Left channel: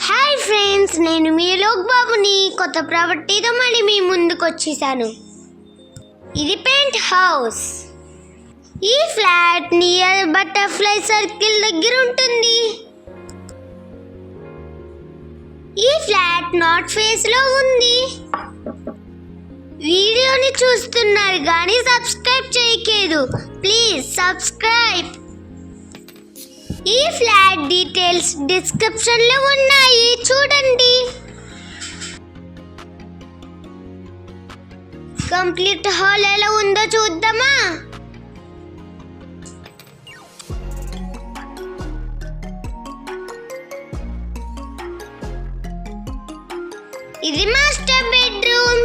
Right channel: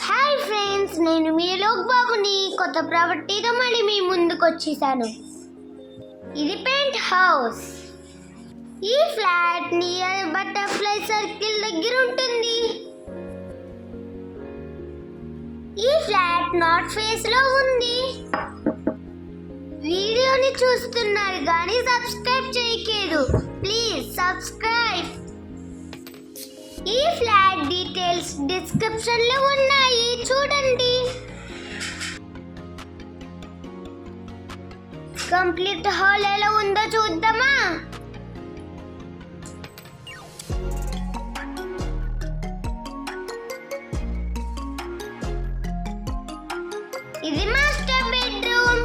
Hi friends, నేను మీ లోక్ బాబుని కొత్త ప్రాపర్టీతో మళ్ళీ మీ ముందుకు వచ్చేసాను. ఇది పెంట్ హౌస్. ఈ ఫ్లాట్ నియర్ బటర్ఫ్లై సర్కిల్ దగ్గర ఉంటుంది. ఈ ఫ్లాట్ నార్త్ ఫేస్ లో ఉంది. వీడియోని చూస్తున్నారు కానీ సబ్స్క్రైబ్ చేయలేదు. Please subscribe. ఈ ఫ్లాట్ డీటెయిల్స్ డిస్క్రిప్షన్ లో ఉన్నాయి, చూడండి. కంప్లీట్ హాల్ ఎలా ఉందో చూద్దామా? ఇది మాస్టర్ బెడ్రూమ్.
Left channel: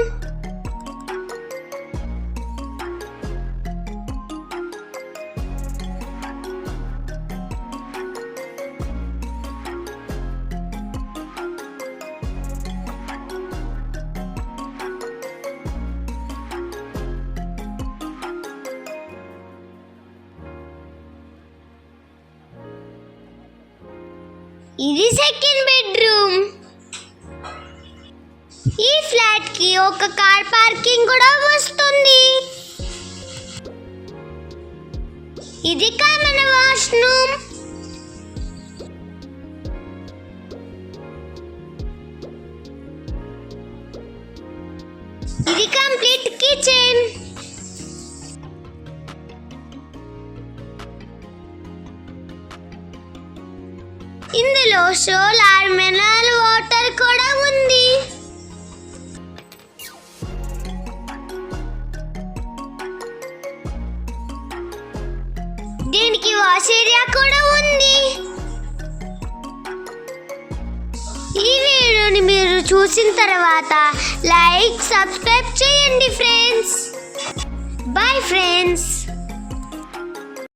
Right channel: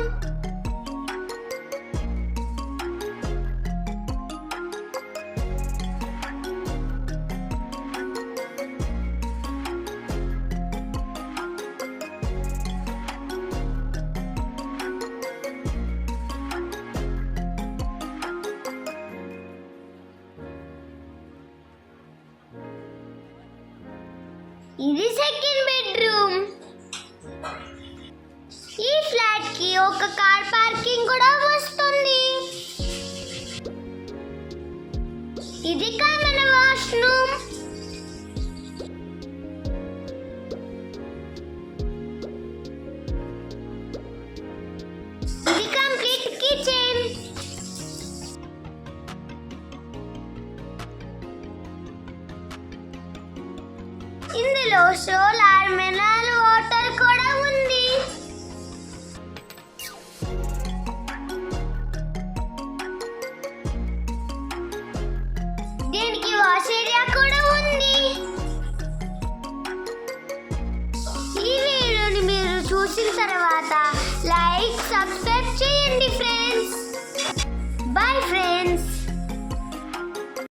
ఇది సెకండ్ బెడ్రూమ్. ఈ ఫ్లాట్ కి ఒక కార్ పార్కింగ్ కూడా వస్తుంది. ఇది కామన్ వాష్రూమ్. ఇది కంప్లీట్ కిచెన్. ఇందులో సోలార్ మినరల్ వాటర్ కూడా ఉంది. దీనికి వాష్ ఏరియా కూడా ఉంది. ఈ వీడియోని మీరు చూసిన తర్వాత లైక్, సబ్స్క్రైబ్ చేయండి ఫ్రెండ్స్. Bye friends.